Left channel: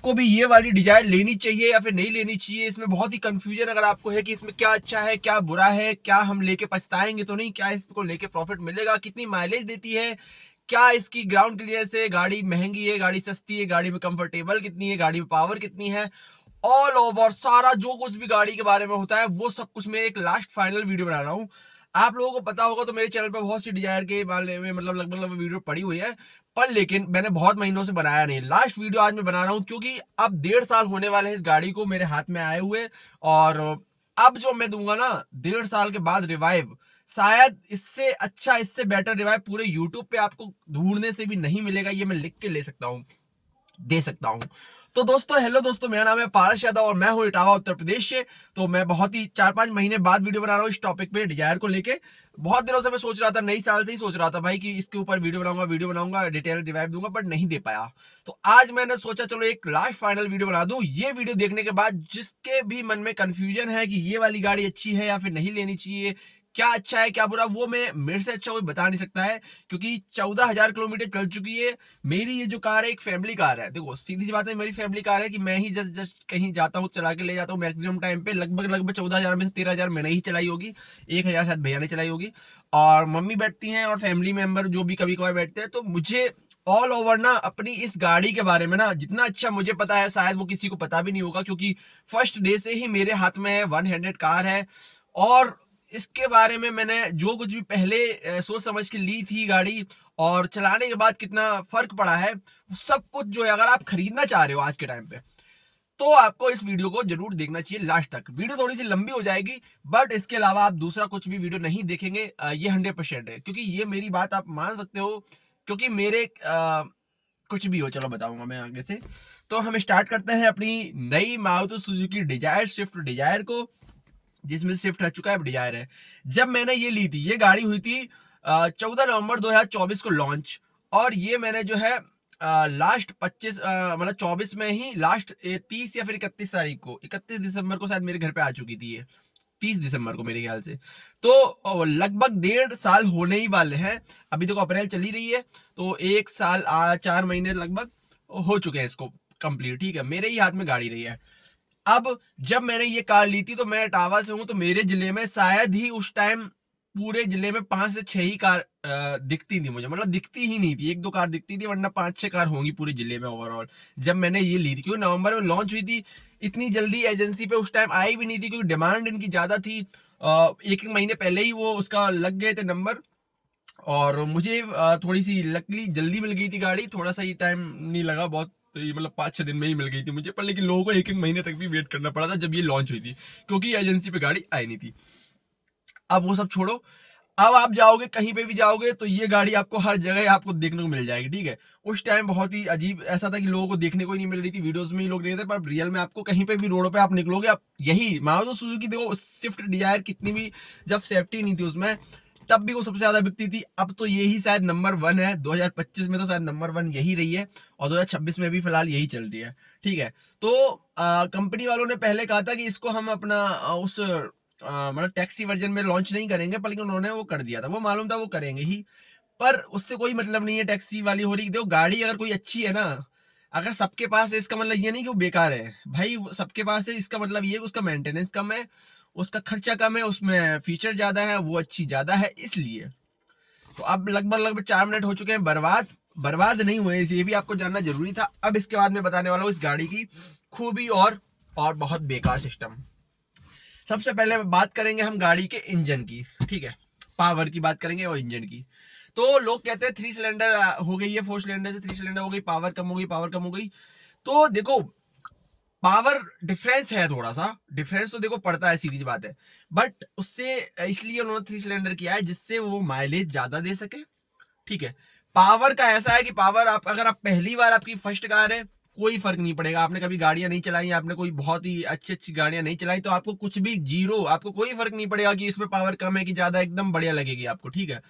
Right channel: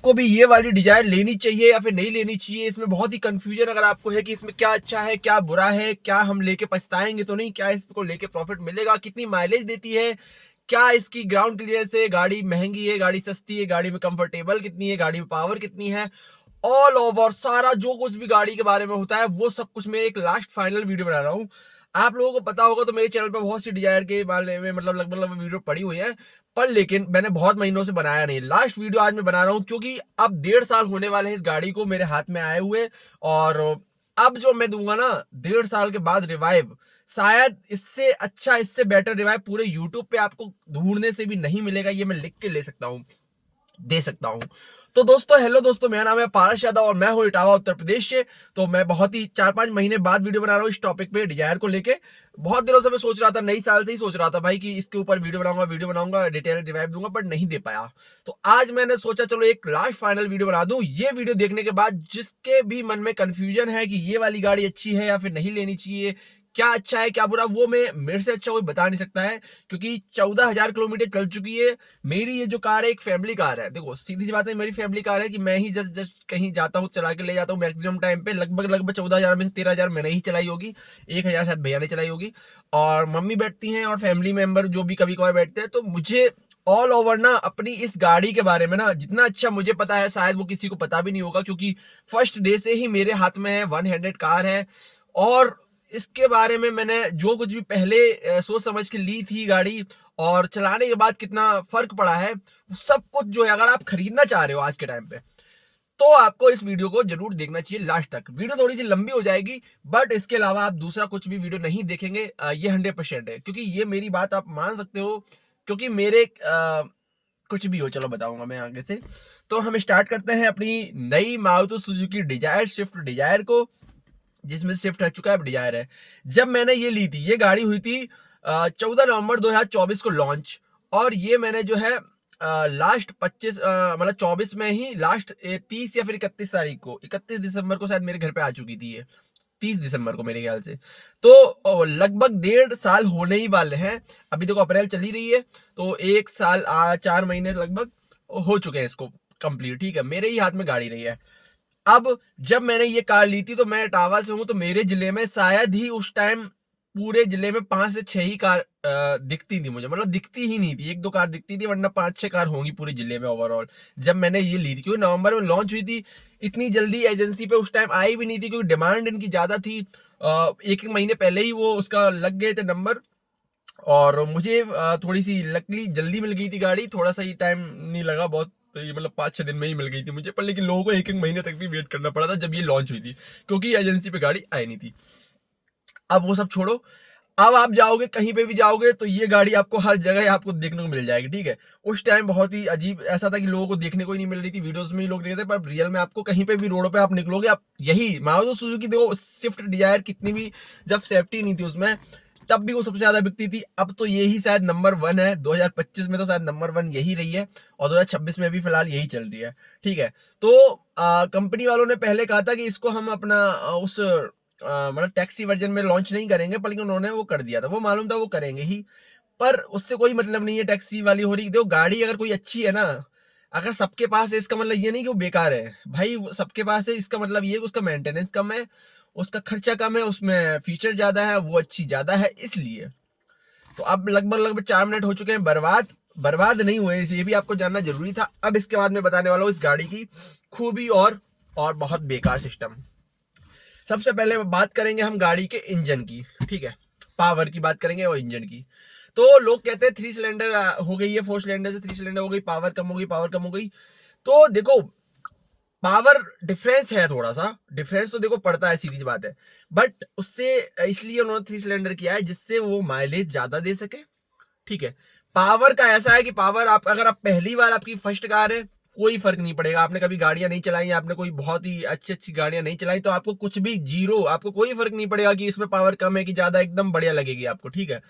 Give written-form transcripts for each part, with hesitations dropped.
आपको भी ये वाली डिजायर लेनी चाहिए या फिर नहीं लेनी चाहिए। इसमें बहुत ही कंफ्यूजन अगर आपको है कि इसमें क्या अच्छा है क्या बुरा है, क्या हम लेके पछताएंगे तो नहीं, क्या इसको लेके प्रॉफिट मिलेगा, कितनी माइलेज देती है, क्या इसकी ग्राउंड क्लियरेंस है, गाड़ी महंगी है, गाड़ी सस्ती है, गाड़ी में कंफर्टेबल कितनी है, गाड़ी में पावर कितनी है, ऑल ओवर सारा जो कुछ भी गाड़ी के बारे में होता है वो सब कुछ मैं एक लास्ट फाइनल वीडियो बना रहा हूँ। आप लोगों को पता होगा तो मेरे चैनल पे बहुत सी डिजायर के बारे में मतलब लगभग वीडियो पड़ी हुई है, पर लेकिन मैंने बहुत महीनों से बनाया नहीं। लास्ट वीडियो आज मैं बना रहा हूँ क्योंकि अब 1.5 साल होने वाले हैं इस गाड़ी को मेरे हाथ में आए हुए। और अब जो मैं दूंगा ना 1.5 साल के बाद रिवाइव, शायद इससे अच्छा इससे बेटर रिवाइव पूरे यूट्यूब पे आपको ढूंढने से भी नहीं मिलेगा। ये मैं लिख के ले सकता हूँ, दे सकता हूं। तो दोस्तों हेलो दोस्तों, मेरा नाम है पारस यादव और मैं हूं इटावा उत्तर प्रदेश से। तो मैं बहुत ही 4-5 महीने बाद वीडियो बना रहा हूं इस टॉपिक पे, डिजायर को लेके। बहुत दिनों से मैं सोच रहा था, नई साल से ही सोच रहा था भाई कि इसके ऊपर वीडियो बनाऊंगा डिटेल रिवाइव दूंगा, बट नहीं दे पाया। तो आज मैंने सोचा चलो एक लास्ट फाइनल वीडियो बना दूं। ये वीडियो देखने के बाद जिसके भी मन में कंफ्यूजन है कि ये वाली गाड़ी अच्छी है या फिर नहीं लेनी चाहिए, क्या अच्छा है क्या बुरा, वो मैं मेरे से अच्छा कोई बता नहीं सकता है, क्योंकि 14,000 किलोमीटर चल चुकी है। मेरी ये जो कार है एक फैमिली कार है। देखो सीधी सी बात है, मेरी फैमिली कार है कि मैं ही जस्ट जस्ट कहीं जाता हूँ चला के ले जाता हूँ मैक्सिमम टाइम पे। लगभग 14,000 में से 13,000 मैंने ही चलाई होगी, 1,000 शायद भैया ने चलाई होगी। और मम्मी बैठती हैं और फैमिली मेंबर जो भी कभी कभार बैठते हैं। तो मुझे ऑल ओवर ना अपनी इस गाड़ी के बारे में ना जितना अच्छा मुझे पता है शायद वो किसी को पता भी नहीं होगा, क्योंकि फर्स्ट डे से ही मेरे हाथ में है, 1 हैंडेड कार है। और इसके बारे में मैंने जो कुछ भी पहले सोच समझ के ली थी गाड़ी, और चलाने के बाद कितना फर्क पड़ा है, वो सब कुछ जो है अगर आप खरीदना चाह रहे हो आज के टाइम पे, तो आपको इस वीडियो को जरूर देखना चाहिए लास्ट तक। वीडियो थोड़ी सी लंबी हो जाएगी, बट इसके अलावा आप दूसरा कुछ भी वीडियो नहीं देखेंगे, ये 100% है, क्योंकि ये मेरी बात आप मान सकते हो। क्योंकि मेरे कुछ भी हो, चलो बताऊंगा मैं आगे से। तो हम स्टार्ट करते हैं अपनी नई Maruti Suzuki Dzire, Swift Dzire को, जिसमें शिफ्ट रह चुका है, अब डिजायर है। जब मैंने ये ली थी, ये गाड़ी हुई थी 14 नवंबर 2024 को लॉन्च। और ये मैंने जो है लास्ट 25 मतलब 24 में ही लास्ट 30 या फिर 31 तारीख को, 31 दिसंबर को शायद मेरे घर पे आ चुकी थी ये, 30 दिसंबर को मेरे ख्याल से। तो लगभग 1.5 साल होने ही वाले हैं। अभी देखो अप्रैल चल ही रही है, तो 1 साल 4 महीने लगभग हो चुके हैं इसको कंप्लीट। ठीक है, मेरे ही हाथ में गाड़ी रही है। अब जब मैंने ये कार ली थी तो मैं इटावा से हूं, तो मेरे जिले में शायद ही उस टाइम पूरे जिले में 5 से 6 ही कार दिखती थी मुझे, मतलब दिखती ही नहीं थी, 1-2 कार दिखती थी, वरना 5-6 कार होंगी पूरे जिले में ओवरऑल। जब मैंने ये ली थी, क्योंकि नवंबर में लॉन्च हुई थी, इतनी जल्दी एजेंसी पे उस टाइम आई भी नहीं थी, क्योंकि डिमांड इनकी ज्यादा थी। एक एक महीने पहले ही वो उसका लग गए थे नंबर। और मुझे थोड़ी सी लकली जल्दी मिल गई थी गाड़ी, थोड़ा सा ही टाइम नहीं लगा बहुत, तो ये मतलब 5-6 दिन में ही मिल गई थी मुझे। पर लेकिन लोगों को एक एक महीने तक भी वेट करना पड़ा था जब ये लॉन्च हुई थी, क्योंकि एजेंसी पे गाड़ी आई नहीं थी। अब वो सब छोड़ो, अब आप जाओगे कहीं पे भी जाओगे तो ये गाड़ी आपको हर जगह आपको देखने को मिल जाएगी। ठीक है, उस टाइम बहुत ही अजीब ऐसा था कि लोगों को देखने को ही नहीं मिल रही थी, वीडियोस में ही लोग देखते थे, पर रियल में आपको कहीं पे भी रोड पे आप निकलोगे, आप यही मारुति सुजुकी देखो, स्विफ्ट डिजायर कितनी भी जब सेफ्टी नहीं थी उसमें, तब भी वो सबसे ज्यादा बिकती थी। अब तो यही शायद नंबर 1 है, 2025 में तो शायद नंबर 1 यही रही है, और 2026 में भी फिलहाल यही चल रही है। ठीक है, तो कंपनी वालों ने पहले कहा था कि इसको हम अपना उस मतलब टैक्सी वर्जन में लॉन्च नहीं करेंगे, पर लेकिन उन्होंने वो कर दिया था, वो मालूम था वो करेंगे ही। पर उससे कोई मतलब नहीं है टैक्सी वाली हो रही। देखो गाड़ी अगर कोई अच्छी है ना, अगर सबके पास है इसका मतलब ये नहीं कि वो बेकार है भाई, सबके पास है इसका मतलब ये कि उसका मेंटेनेंस कम है, उसका खर्चा कम है, उसमें फीचर ज्यादा है, वो अच्छी ज्यादा है, इसलिए। तो अब लगभग 4 मिनट हो चुके हैं बर्बाद। बर्बाद नहीं हुए, ये भी आपको जानना जरूरी था। अब इसके बाद मैं बताने वाला हूँ इस गाड़ी की खूबी और बहुत बेकार सिस्टम। सबसे पहले बात करेंगे हम गाड़ी के इंजन की। ठीक है, पावर की बात करेंगे और इंजन की। तो लोग कहते हैं 3 सिलेंडर हो गई है, 4 सिलेंडर से 3 सिलेंडर हो गई, पावर कम हो गई, पावर कम हो गई। तो देखो पावर डिफरेंस है, थोड़ा सा डिफरेंस तो देखो पड़ता है, सीधी सी बात है। बट उससे इसलिए उन्होंने 3 सिलेंडर किया है जिससे वो माइलेज ज्यादा दे सके। ठीक है, पावर का ऐसा है कि पावर आप अगर आप पहली बार आपकी फर्स्ट कार है, कोई फर्क नहीं पड़ेगा, आपने कभी गाड़ियां नहीं चलाई, आपने कोई बहुत ही अच्छी अच्छी गाड़ियां नहीं चलाई, तो आपको कुछ भी जीरो, आपको कोई फर्क नहीं पड़ेगा कि इसमें पावर कम है कि ज्यादा, एकदम बढ़िया लगेगी आपको। ठीक है,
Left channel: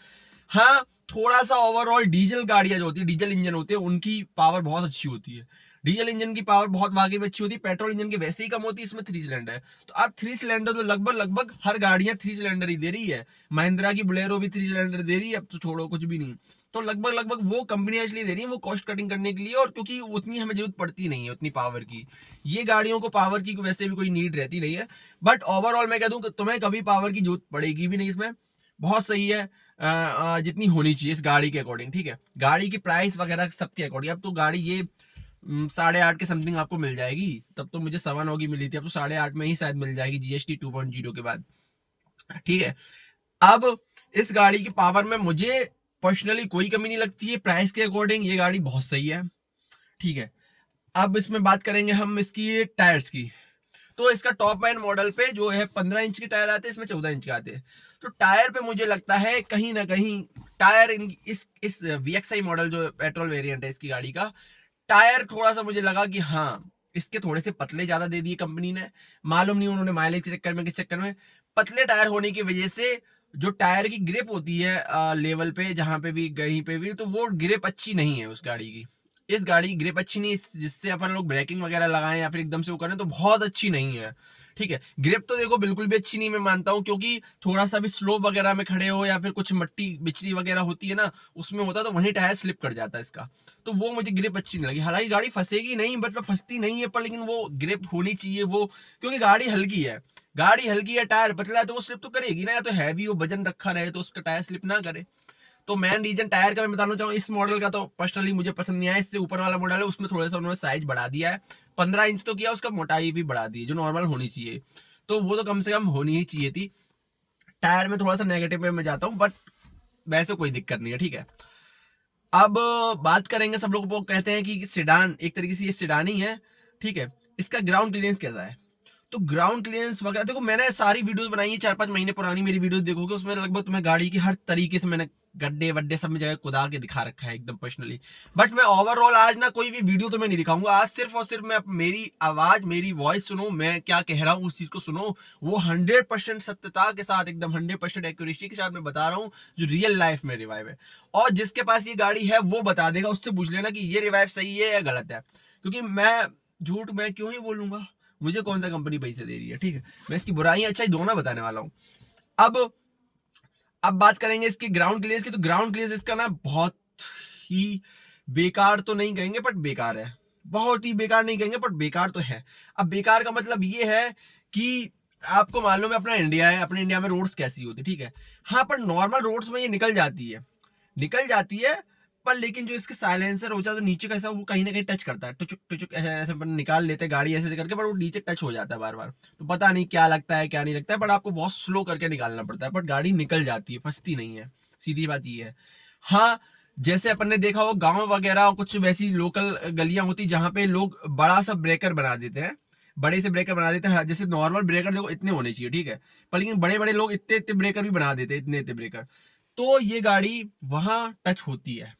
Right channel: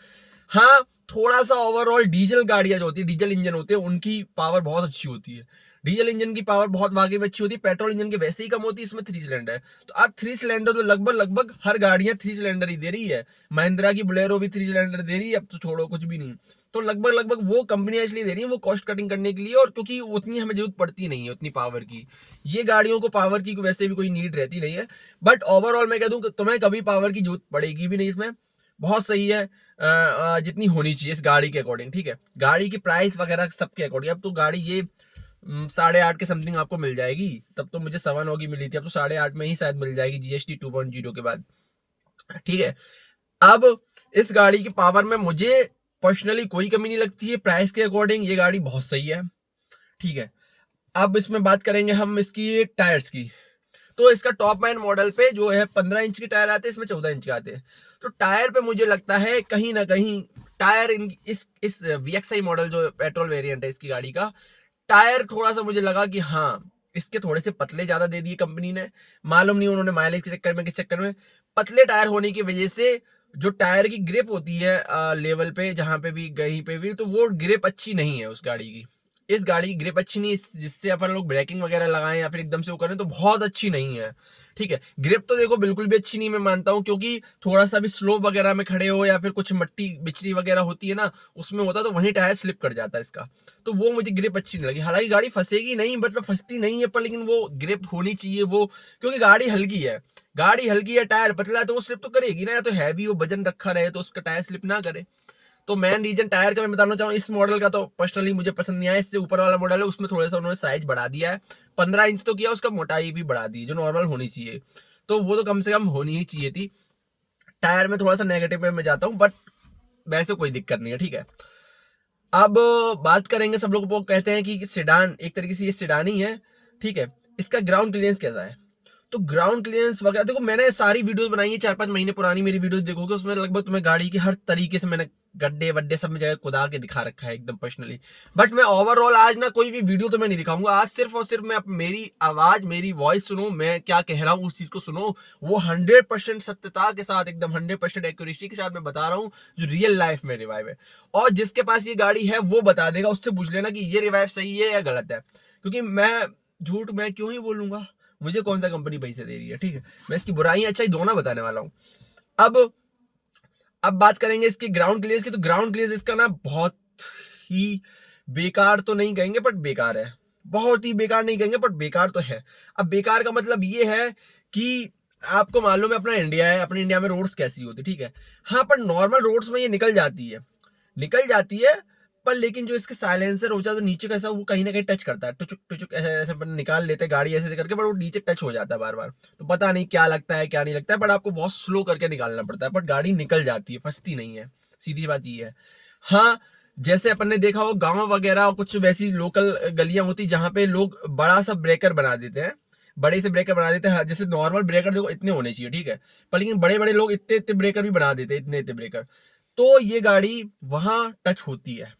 हाँ थोड़ा सा ओवरऑल डीजल गाड़ियां जो होती है, डीजल इंजन होते हैं, उनकी पावर बहुत अच्छी होती है। डीजल इंजन की पावर बहुत वाकई में अच्छी होती है, पेट्रोल इंजन की वैसे ही कम होती है, इसमें 3 सिलेंडर है। तो अब 3 सिलेंडर तो लगभग लगभग हर गाड़ियां 3 सिलेंडर ही दे रही है। महिंद्रा की बोलेरो भी 3 सिलेंडर दे रही है, अब तो छोड़ो कुछ भी नहीं। तो लगभग लगभग वो कंपनियां इसलिए दे रही है वो कॉस्ट कटिंग करने के लिए, और क्योंकि उतनी हमें जरूरत पड़ती नहीं है उतनी पावर की। ये गाड़ियों को पावर की वैसे भी कोई नीड रहती नहीं है। बट ओवरऑल मैं कह दूं कि तुम्हें कभी पावर की जरूरत पड़ेगी भी नहीं इसमें, बहुत सही है जितनी होनी चाहिए इस गाड़ी के अकॉर्डिंग, ठीक है। गाड़ी की प्राइस वगैरह सबके अकॉर्डिंग, अब तो गाड़ी ये 8.5 के समथिंग आपको मिल जाएगी। तब तो मुझे 9.25 की मिली थी, अब तो 8.5 में ही शायद मिल जाएगी जीएसटी 2.0 के बाद, ठीक है। अब इस गाड़ी की पावर में मुझे पर्सनली कोई कमी नहीं लगती है, प्राइस के अकॉर्डिंग ये गाड़ी बहुत सही है, ठीक है। अब इसमें बात करेंगे हम इसकी टायर्स की। तो इसका टॉप एंड मॉडल पे जो है 15 इंच के टायर आते हैं, इसमें 14 इंच के आते हैं। तो टायर पे मुझे लगता है कहीं ना कहीं टायर इस VXI मॉडल जो पेट्रोल वेरिएंट है इसकी गाड़ी का, टायर थोड़ा सा मुझे लगा कि हाँ इसके थोड़े से पतले ज्यादा दे दिए कंपनी ने। मालूम नहीं उन्होंने माइलेज के चक्कर में किस चक्कर में, पतले टायर होने की वजह से जो टायर की ग्रिप होती है लेवल पे जहां पे भी कहीं पे भी, तो वो ग्रिप अच्छी नहीं है उस गाड़ी की। इस गाड़ी की ग्रिप अच्छी नहीं, जिससे अपन लोग ब्रेकिंग वगैरह लगाएं या फिर एकदम से वो करें तो बहुत अच्छी नहीं है, ठीक है। ग्रिप तो देखो बिल्कुल भी अच्छी नहीं मैं मानता हूँ, क्योंकि थोड़ा सा भी स्लोप वगैरह में खड़े हो या फिर कुछ मट्टी बिचरी वगैरह होती है ना, उसमें होता है तो वहीं टायर स्लिप कर जाता है इसका। तो वो मुझे ग्रिप अच्छी नहीं लगी। हालांकि गाड़ी फंसेगी नहीं, मतलब फंसती नहीं है, पर लेकिन वो ग्रिप होनी चाहिए वो, क्योंकि गाड़ी हल्की है। गाड़ी हल्की है, टायर पतला है, तो वो स्लिप तो करेगी ना, या तो हैवी हो वजन रखा रहे तो उसका टायर स्लिप ना करे। तो मेन रीजन टायर का मैं बताना चाहूँ, इस मॉडल का तो पर्सनली मुझे पसंद नहीं आया। इससे ऊपर वाला मॉडल है उसमें थोड़ा सा उन्होंने साइज बढ़ा दिया है, 15 इंच तो किया, उसका मोटाई भी बढ़ा दी जो नॉर्मल होनी चाहिए, तो वो तो कम से कम होनी ही चाहिए थी। टायर में थोड़ा सा नेगेटिव में मैं जाता हूँ, बट वैसे कोई दिक्कत नहीं है, ठीक है। अब बात करेंगे, सब लोग वो कहते हैं कि सेडान, एक तरीके से ये सेडान ही है, ठीक है। इसका ग्राउंड क्लियरेंस कैसा है? तो ग्राउंड क्लियरेंस वगैरह देखो, मैंने सारी वीडियोस बनाई है, 4-5 महीने पुरानी मेरी वीडियोस देखोगे, उसमें लगभग तुम्हें गाड़ी की हर तरीके से मैंने गड्ढे वड्डे सब जगह खुदा के दिखा रखा है एकदम पर्सनली। बट मैं ओवरऑल आज ना कोई भी वीडियो तो मैं नहीं दिखाऊंगा, आज सिर्फ और सिर्फ मैं मेरी आवाज, मेरी वॉइस सुनो, मैं क्या कह रहा हूँ उस चीज को सुनो, वो 100% सत्यता के साथ, एकदम 100% एक्यूरेसी के साथ मैं बता रहा हूँ जो रियल लाइफ में रिवाइव है। और जिसके पास ये गाड़ी है वो बता देगा, उससे पूछ लेना कि ये रिवाइव सही है या गलत है, क्योंकि मैं झूठ मैं क्यों ही बोलूंगा, मुझे कौन सा कंपनी पैसे दे रही है, ठीक है। मैं इसकी बुराई अच्छाई दोनों बताने वाला हूँ। अब बात करेंगे इसके ग्राउंड क्लियरेंस की। तो ग्राउंड क्लियरेंस इसका ना बहुत ही बेकार तो नहीं कहेंगे, बट बेकार है। बहुत ही बेकार नहीं कहेंगे, बट बेकार तो है। अब बेकार का मतलब ये है कि आपको मालूम है अपना इंडिया है, अपने इंडिया में रोड्स कैसी होती है, ठीक है। हाँ, पर नॉर्मल रोड्स में ये निकल जाती है, निकल जाती है, पर लेकिन जो इसके साइलेंसर होता है तो नीचे कैसा वो कहीं ना कहीं टच करता है, टुचुक टुचुक ऐसे ऐसे अपन निकाल लेते हैं गाड़ी ऐसे ऐसे करके, पर वो नीचे टच हो जाता है बार बार। तो पता नहीं क्या लगता है क्या नहीं लगता है, बट आपको बहुत स्लो करके निकालना पड़ता है, बट गाड़ी निकल जाती है, फंसती नहीं है, सीधी बात ये है। हाँ, जैसे अपन ने देखा हो गांव वगैरह कुछ वैसी लोकल गलियां होती जहां पे लोग बड़ा सा ब्रेकर बना देते हैं, बड़े से ब्रेकर बना देते हैं। जैसे नॉर्मल ब्रेकर देखो इतने होने चाहिए, ठीक है, पर लेकिन बड़े बड़े लोग इतने इतने ब्रेकर भी बना देते हैं, इतने इतने ब्रेकर। तो ये गाड़ी वहां टच होती है।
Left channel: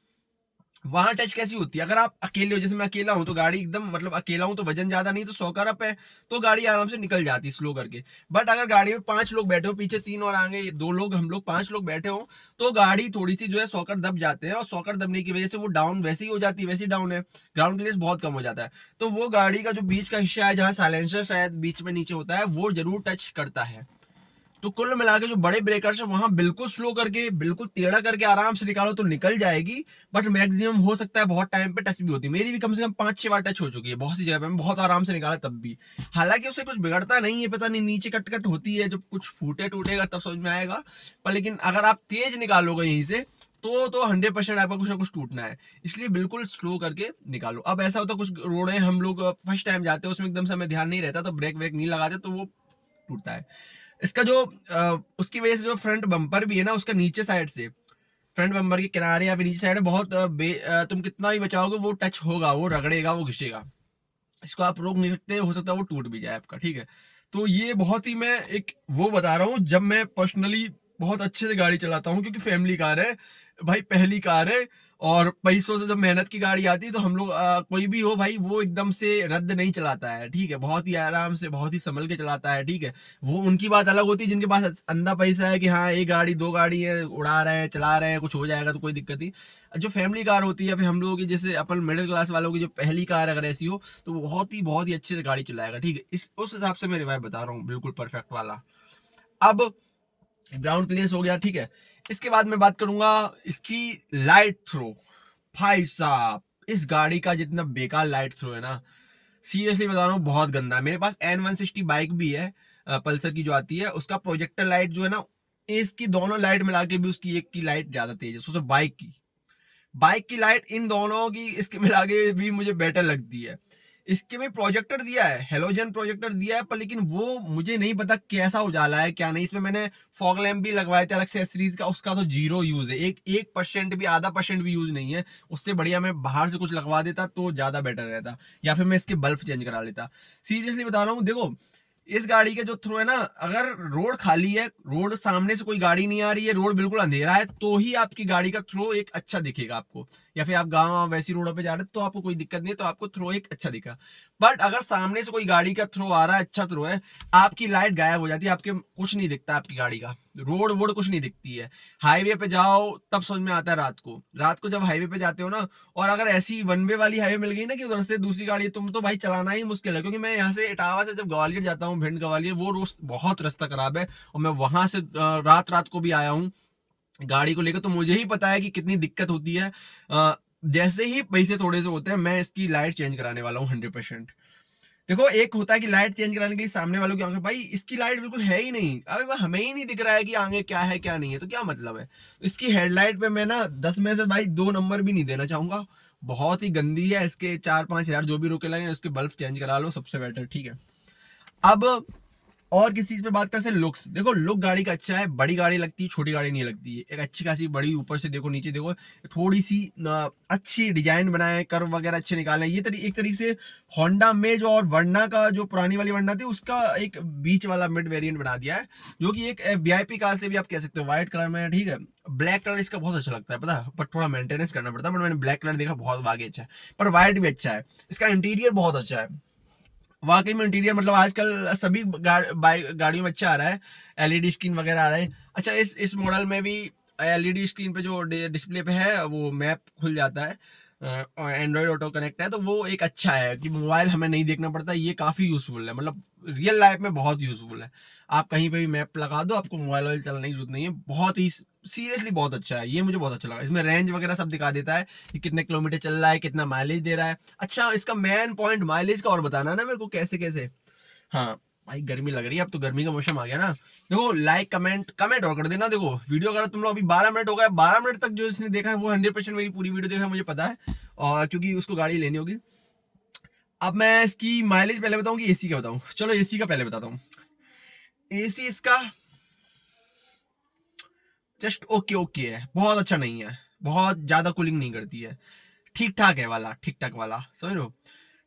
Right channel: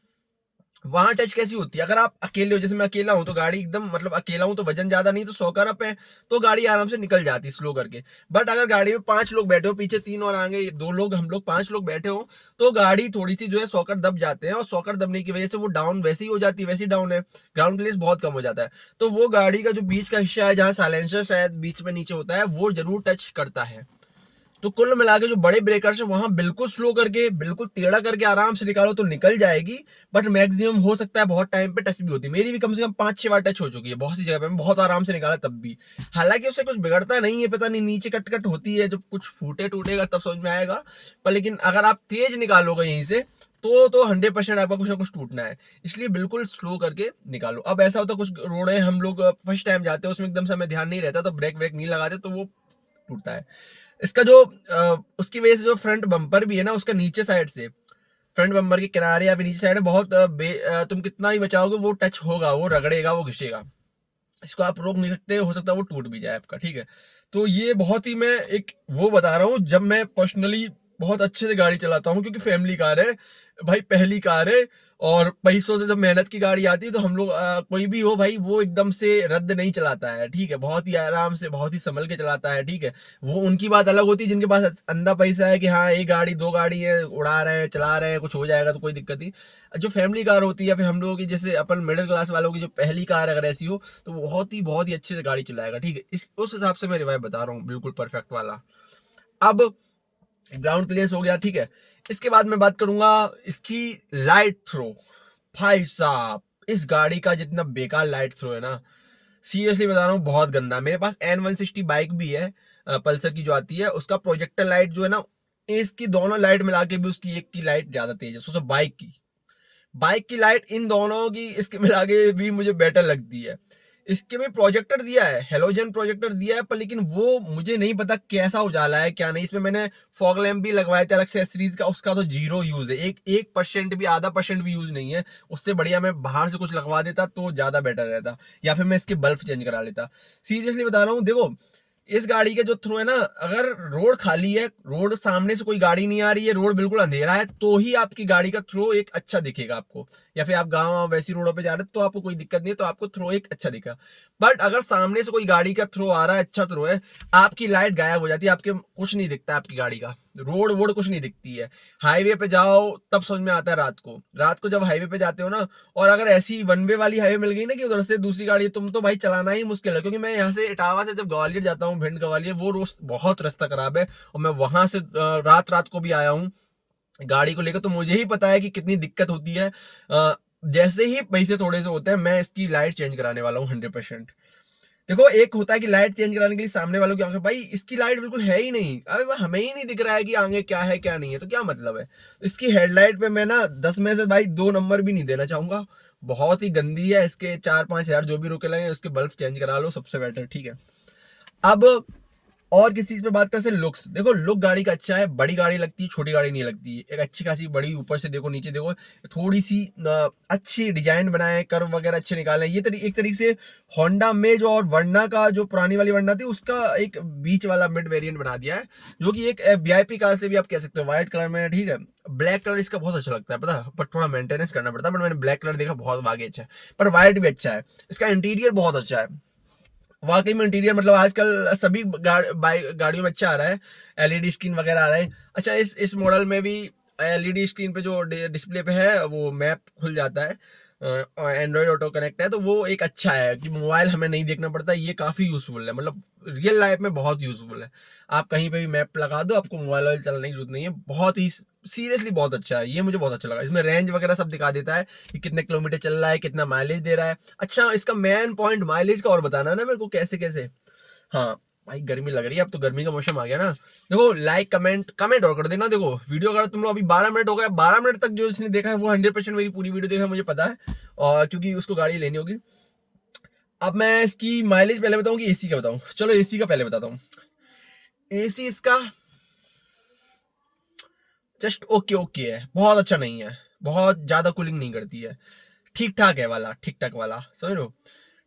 वहां टच कैसी होती है? अगर आप अकेले हो, जैसे मैं अकेला हूं, तो गाड़ी एकदम मतलब अकेला हूं तो वजन ज्यादा नहीं, तो 100 का रप है, तो गाड़ी आराम से निकल जाती है स्लो करके। बट अगर गाड़ी में 5 लोग बैठे हो, पीछे 3 और आगे 2 लोग, हम लोग 5 लोग बैठे हो, तो गाड़ी थोड़ी सी जो है सॉकर दब जाते हैं, और सॉकर दबने की वजह से वो डाउन वैसे ही हो जाती है, वैसे ही डाउन है, ग्राउंड क्लियरेंस बहुत कम हो जाता है। तो वो गाड़ी का जो बीच का हिस्सा है जहाँ साइलेंसर शायद बीच में नीचे होता है, वो जरूर टच करता है। तो कुल मिला के जो बड़े ब्रेकर्स है वहां बिल्कुल स्लो करके, बिल्कुल टेढ़ा करके आराम से निकालो तो निकल जाएगी। बट मैक्सिमम हो सकता है बहुत टाइम पे टच भी होती है, मेरी भी कम से कम 5-6 बार टच हो चुकी है बहुत सी जगह पे, मैं बहुत आराम से निकाला तब भी। हालांकि उससे कुछ बिगड़ता नहीं है, पता नहीं नीचे कट कट होती है, जब कुछ फूटे टूटेगा तब समझ में आएगा। पर लेकिन अगर आप तेज निकालोगे यहीं से तो 100% आपका कुछ ना कुछ टूटना है, इसलिए बिल्कुल स्लो करके निकालो। अब ऐसा होता है कुछ रोड है, हम लोग फर्स्ट टाइम जाते हैं, उसमें एकदम से हमें ध्यान नहीं रहता, तो ब्रेक ब्रेक नहीं लगाते तो वो टूटता है। इसका जो उसकी वजह से जो फ्रंट बम्पर भी है ना, उसका नीचे साइड से, फ्रंट बम्पर के किनारे या फिर नीचे साइड में बहुत तुम कितना भी बचाओगे वो टच होगा, वो रगड़ेगा, वो घिसेगा। इसको आप रोक नहीं सकते, हो सकता है वो टूट भी जाए आपका, ठीक है। तो ये बहुत ही मैं एक वो बता रहा हूँ जब मैं पर्सनली बहुत अच्छे से गाड़ी चलाता हूँ, क्योंकि फैमिली कार है भाई, पहली कार है, और पैसों से जब मेहनत की गाड़ी आती है तो हम लोग कोई भी हो भाई, वो एकदम से रद्द नहीं चलाता है, ठीक है, बहुत ही आराम से बहुत ही संभल के चलाता है, ठीक है। वो उनकी बात अलग होती है जिनके पास अंधा पैसा है कि हाँ एक गाड़ी दो गाड़ी है, उड़ा रहे हैं चला रहे हैं, कुछ हो जाएगा तो कोई दिक्कत नहीं। जो फैमिली कार होती है या फिर हम लोगों की जैसे अपन मिडिल क्लास वालों की जो पहली कार अगर ऐसी हो तो वो बहुत ही अच्छे से गाड़ी चलाएगा, ठीक है। इस उस हिसाब से मैं रिवाइव बता रहा हूँ, बिल्कुल परफेक्ट वाला। अब ग्राउंड क्लियरेंस हो गया, ठीक है। इसके बाद मैं बात करूंगा इसकी लाइट थ्रो। भाई साहब इस गाड़ी का जितना बेकार लाइट थ्रो है ना, सीरियसली बता रहा हूँ बहुत गंदा है। मेरे पास N160 बाइक भी है, पल्सर की जो आती है, उसका प्रोजेक्टर लाइट जो है ना, इसकी दोनों लाइट मिला के भी उसकी एक की लाइट ज्यादा तेज है, सोचो बाइक की लाइट इन दोनों की इसके मिला के भी मुझे बेटर लगती है। इसके में प्रोजेक्टर दिया है, हेलोजन प्रोजेक्टर दिया है, पर लेकिन वो मुझे नहीं पता कैसा उजाला है क्या नहीं। इसमें मैंने फॉग लैम्प भी लगवाए थे अलग से सीरीज का, उसका तो जीरो यूज है, एक परसेंट भी, आधा परसेंट भी यूज नहीं है। उससे बढ़िया मैं बाहर से कुछ लगवा देता तो ज्यादा बेटर रहता, या फिर मैं इसके बल्ब चेंज करा लेता। सीरियसली बता रहा हूँ, देखो इस गाड़ी का जो थ्रो है ना, अगर रोड खाली है, रोड सामने से कोई गाड़ी नहीं आ रही है, रोड बिल्कुल अंधेरा है, तो ही आपकी गाड़ी का थ्रो एक अच्छा दिखेगा आपको। या फिर आप गांव वैसी रोडों पे जा रहे हैं तो आपको कोई दिक्कत नहीं है, तो आपको थ्रो एक अच्छा दिखा। बट अगर सामने से कोई गाड़ी का थ्रो आ रहा है, अच्छा थ्रो है, आपकी लाइट गायब हो जाती है, आपके कुछ नहीं दिखता आपकी गाड़ी का, रोड वोड कुछ नहीं दिखती है। हाईवे पे जाओ तब समझ में आता है रात को जब हाईवे पे जाते हो ना, और अगर ऐसी वन वे वाली हाईवे मिल गई ना कि उधर से दूसरी गाड़ी, तुम तो भाई चलाना ही मुश्किल है। क्योंकि मैं यहाँ से इटावा से जब ग्वालियर जाता हूँ, भिंड ग्वालियर, वो रोज बहुत रास्ता खराब है, और मैं वहां से रात को भी आया हूँ गाड़ी को लेकर, तो मुझे ही पता है कि कितनी दिक्कत होती है। जैसे ही पैसे थोड़े से होते हैं, मैं इसकी लाइट चेंज कराने वाला हूँ 100%। देखो एक होता है कि लाइट चेंज कराने के लिए सामने वालों की आंखें, भाई इसकी लाइट बिल्कुल है ही नहीं, अबे वो हमें ही नहीं दिख रहा है कि आगे क्या है क्या नहीं है, तो क्या मतलब है। तो इसकी हेडलाइट पे मैं ना 10 में से भाई 2 नंबर भी नहीं देना चाहूंगा, बहुत ही गंदी है। इसके 4-5 हज़ार जो भी रुके लगे उसके बल्ब चेंज करा लो, सबसे बेटर, ठीक है। अब और किस चीज पे बात कर से, लुक्स। देखो लुक गाड़ी का अच्छा है, बड़ी गाड़ी लगती है, छोटी गाड़ी नहीं लगती है, एक अच्छी खासी बड़ी, ऊपर से देखो नीचे देखो, थोड़ी सी अच्छी डिजाइन बनाए, कर्व वगैरह अच्छे निकाले। ये एक तरीके से होंडा में जो और वर्ना का जो पुरानी वाली वर्ना थी उसका एक बीच वाला मिड वेरिएंट बना दिया है, जो कि एक वीआईपी कार से भी आप कह सकते हो, व्हाइट कलर में, ठीक है। ब्लैक कलर इसका बहुत अच्छा लगता है पता है, पर थोड़ा मेंटेनेंस करना पड़ता है, बट मैंने ब्लैक कलर देखा बहुत आगे अच्छा है, पर व्हाइट भी अच्छा है। इसका इंटीरियर बहुत अच्छा है वाकई में, इंटीरियर मतलब आजकल सभी गाड़ियों में अच्छा आ रहा है, एलईडी स्क्रीन वगैरह आ रहा है। अच्छा इस मॉडल में भी एलईडी स्क्रीन पे जो डिस्प्ले पे है वो मैप खुल जाता है, और एंड्रॉइड ऑटो कनेक्ट है, तो वो एक अच्छा है कि मोबाइल हमें नहीं देखना पड़ता, ये काफ़ी यूज़फुल है, मतलब रियल लाइफ में बहुत यूज़फुल है। आप कहीं पे भी मैप लगा दो, आपको मोबाइल वाइल चलाने की जरूरत नहीं है, बहुत ही सीरियसली बहुत अच्छा है, ये मुझे बहुत अच्छा लगा। इसमें रेंज वगैरह सब दिखा देता है कि कितने किलोमीटर चल रहा है, कितना माइलेज दे रहा है। अच्छा इसका मेन पॉइंट माइलेज का और बताना है ना मेरे को, कैसे कैसे। हाँ भाई गर्मी लग रही है, अब तो गर्मी का मौसम आ गया ना। देखो लाइक कमेंट और कर देना। देखो वीडियो अगर तुम लोग अभी 12 मिनट हो गए, 12 मिनट तक जो इसने देखा है वो 100% मेरी पूरी वीडियो देखा है, मुझे पता है, और क्योंकि उसको गाड़ी लेनी होगी। अब मैं इसकी माइलेज पहले बताऊं कि एसी का बताऊं, चलो एसी का पहले बताता हूँ। एसी इसका जस्ट ओके ओके है, बहुत अच्छा नहीं है, बहुत ज्यादा कूलिंग नहीं करती है, ठीक ठाक है वाला, ठीक ठाक वाला, समझ लो,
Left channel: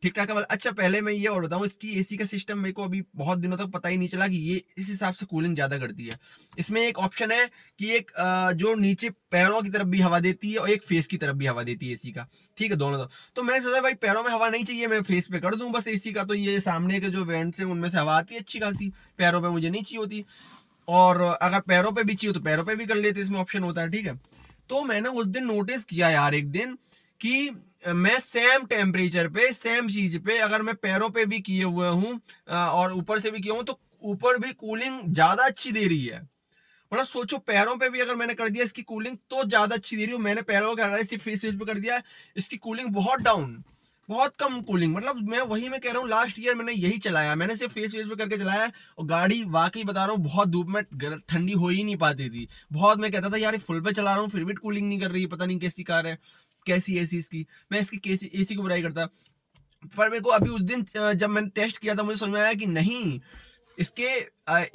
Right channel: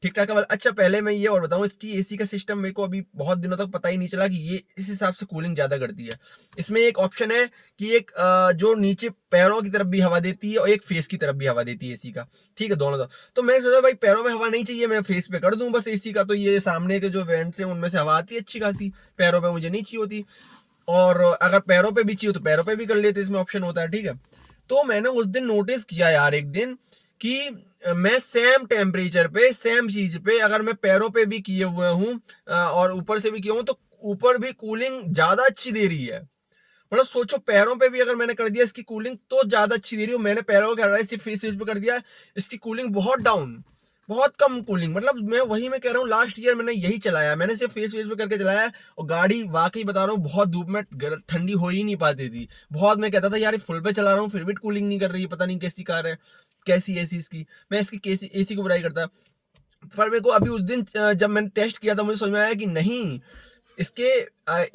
ठीक ठाक है वाला। अच्छा पहले मैं ये और बताऊं, इसकी एसी का सिस्टम मेरे को अभी बहुत दिनों तक पता ही नहीं चला कि ये इस हिसाब से कूलिंग ज्यादा करती है। इसमें एक ऑप्शन है कि एक जो नीचे पैरों की तरफ भी हवा देती है और एक फेस की तरफ भी हवा देती है एसी का, ठीक है, दोनों तो मैं सोचा भाई पैरों में हवा नहीं चाहिए, मैं फेस पे कर दूं बस एसी का, तो ये सामने के जो वेंट्स हैं उनमें से हवा आती है अच्छी खासी, पैरों पे मुझे नहीं चाहिए होती, और अगर पैरों पे भी चाहिए तो पैरों पे भी कर लेते, इसमें ऑप्शन होता है, ठीक है। तो मैंने उस दिन नोटिस किया यार एक दिन कि मैं सेम टेम्परेचर पे सेम चीज पे अगर मैं पैरों पे भी किए हुए हूँ और ऊपर से भी किया हूँ, तो ऊपर भी कूलिंग ज्यादा अच्छी दे रही है। मतलब सोचो पैरों पे भी अगर मैंने कर दिया इसकी कूलिंग तो ज्यादा अच्छी दे रही है, मैंने पैरों का सिर्फ फेस पे कर दिया, इसकी कूलिंग बहुत डाउन, बहुत कम कूलिंग। मतलब मैं कह रहा हूँ लास्ट ईयर मैंने यही चलाया, मैंने सिर्फ फेस पे करके चलाया, और गाड़ी वाकई बता रहा हूँ बहुत धूप में ठंडी हो ही नहीं पाती थी। बहुत मैं कहता था यार फुल पे चला रहा हूँ फिर भी कूलिंग नहीं कर रही, पता नहीं कैसी कार है, कैसी एसी इसकी, मैं इसकी कैसी एसी को बुराई करता। पर मेरे को अभी उस दिन जब मैंने टेस्ट किया था मुझे समझ में आया कि नहीं, इसके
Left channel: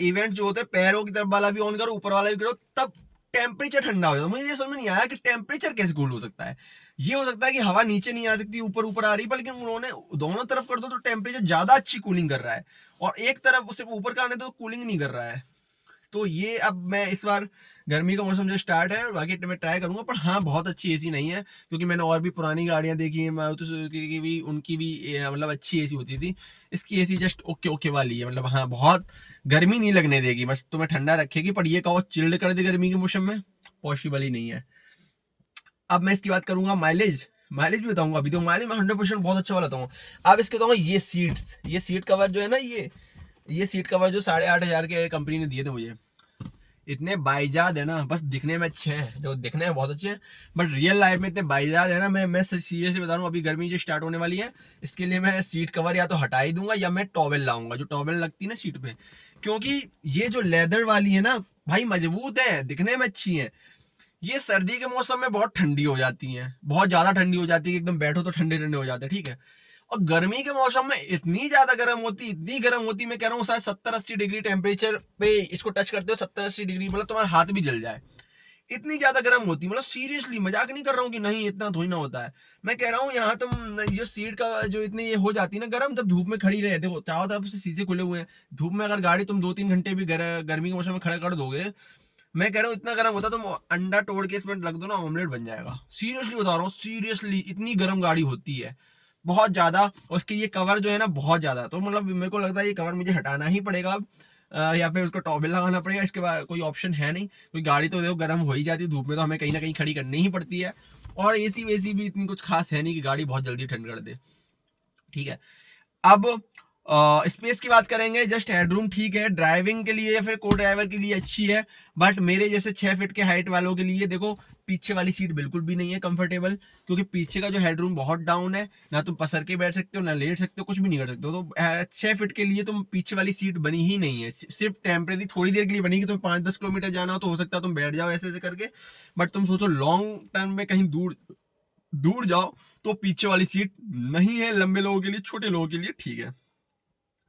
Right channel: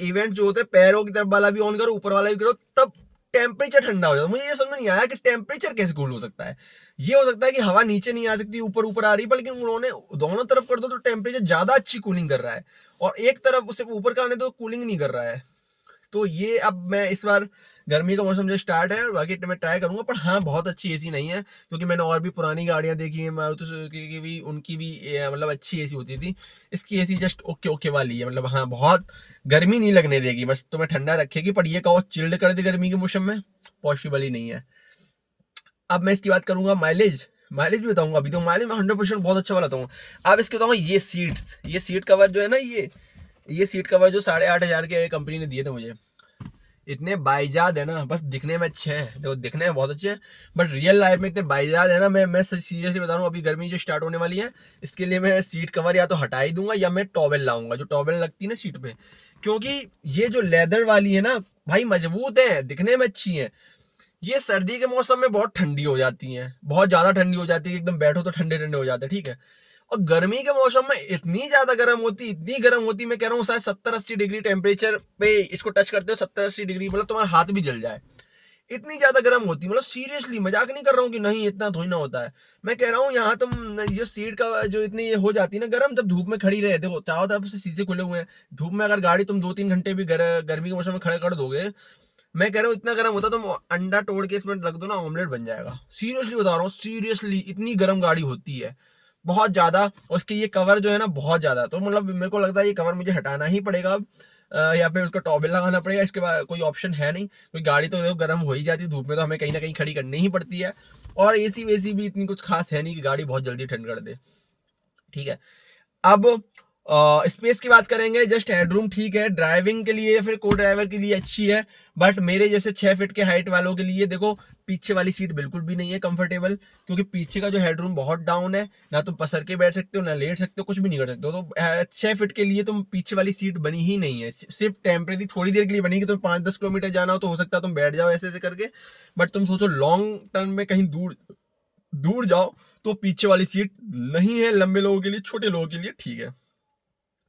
इवेंट जो होते हैं पैरों की तरफ वाला भी ऑन करो ऊपर वाला भी करो तब टेम्परेचर ठंडा हो जाता है। मुझे ये समझ में नहीं आया कि टेम्परेचर कैसे कूल हो सकता है। ये हो सकता है कि हवा नीचे नहीं आ सकती ऊपर ऊपर आ रही है, लेकिन उन्होंने दोनों तरफ कर दो तो टेम्परेचर ज्यादा अच्छी कूलिंग कर रहा है, और एक तरफ सिर्फ ऊपर का आने दो कूलिंग नहीं कर रहा है। तो ये अब मैं इस बार गर्मी का मौसम जो स्टार्ट है, बाकी मैं ट्राई करूंगा। पर हाँ, बहुत अच्छी एसी नहीं है, क्योंकि मैंने और भी पुरानी गाड़ियां देखी है मारुति सुजुकी की भी, उनकी भी मतलब अच्छी एसी होती थी। इसकी एसी जस्ट ओके ओके वाली है, मतलब हाँ बहुत गर्मी नहीं लगने देगी, बस तुम्हें ठंडा रखेगी। पर ये कहो चिल्ड कर दे गर्मी के मौसम में, पॉसिबल ही नहीं है। अब मैं इसकी बात करूंगा माइलेज, माइलेज भी बताऊंगा। अभी तो माइलेज मैं 100% बहुत अच्छा वाला बताऊंगा। अब इसके बताऊंगा ये सीट्स, ये सीट कवर जो है ना, ये सीट कवर जो 8,500 के कंपनी ने दिए थे मुझे, इतने बाइजाद है ना, बस दिखने में अच्छे हैं, देखो दिखने में बहुत अच्छे हैं, बट रियल लाइफ में इतने बाइजाद है ना। मैं सीरियसली बता रहा हूँ, अभी गर्मी जो स्टार्ट होने वाली है, इसके लिए मैं सीट कवर या तो हटा ही दूंगा, या मैं टॉवेल लाऊंगा, जो टॉवेल लगती है ना सीट पे। क्योंकि ये जो लेदर वाली है ना भाई, मजबूत है, दिखने में अच्छी है। ये सर्दी के मौसम में बहुत ठंडी हो जाती हैं, बहुत ज्यादा ठंडी हो जाती है, एकदम बैठो तो ठंडे ठंडे हो जाते हैं, ठीक है। और गर्मी के मौसम में इतनी ज्यादा गर्म होती, इतनी गर्म होती, मैं कह रहा हूँ शायद 70-80 डिग्री टेम्परेचर पे इसको टच करते हो, 70-80 डिग्री, मतलब तुम्हारा हाथ भी जल जाए, इतनी ज्यादा गर्म होती। मतलब सीरियसली मजाक नहीं कर रहा हूँ कि नहीं इतना थोड़ी ना होता है, मैं कह रहा हूँ यहाँ तुम जो सीट का जो इतनी ये हो जाती है ना गर्म, जब धूप में खड़ी रहे, देखो चारों तरफ से शीशे खुले हुए हैं, धूप में अगर गाड़ी तुम 2-3 घंटे भी गर्मी के मौसम में खड़े कर दोगे, मैं कह रहा हूँ इतना गर्म होता, तुम अंडा तोड़ के इसमें रख दो ना, ऑमलेट बन जाएगा। सीरियसली बता रहा हूँ, सीरियसली इतनी गर्म गाड़ी होती है, बहुत ज्यादा। और उसके ये कवर जो है ना बहुत ज्यादा, तो मतलब मेरे को लगता है ये कवर मुझे हटाना ही पड़ेगा अब, या फिर उसका टॉवेल लगाना पड़ेगा। इसके बाद कोई ऑप्शन है नहीं, कोई गाड़ी तो देखो गर्म हो ही जाती है धूप में, तो हमें कहीं ना कहीं खड़ी करनी ही पड़ती है। और एसी वेसी भी इतनी कुछ खास है नहीं कि गाड़ी बहुत जल्दी ठंड कर दे, ठीक है। अब स्पेस की बात करेंगे, जस्ट हेडरूम ठीक है, ड्राइविंग के लिए या फिर को ड्राइवर के लिए अच्छी है, बट मेरे जैसे 6 फीट के हाइट वालों के लिए देखो पीछे वाली सीट बिल्कुल भी नहीं है कंफर्टेबल, क्योंकि पीछे का जो हेडरूम बहुत डाउन है, ना तुम पसर के बैठ सकते हो, ना लेट सकते हो, कुछ भी नहीं कर सकते हो। तो 6 फीट के लिए तुम पीछे वाली सीट बनी ही नहीं है, सिर्फ टेम्परेरी थोड़ी देर के लिए बनेगी। तो 5-10 किलोमीटर जाना हो तो हो सकता है तुम बैठ जाओ ऐसे ऐसे करके, बट तुम सोचो लॉन्ग टर्म में कहीं दूर दूर जाओ तो पीछे वाली सीट नहीं है, लंबे लोगों के लिए, छोटे लोगों के लिए ठीक है।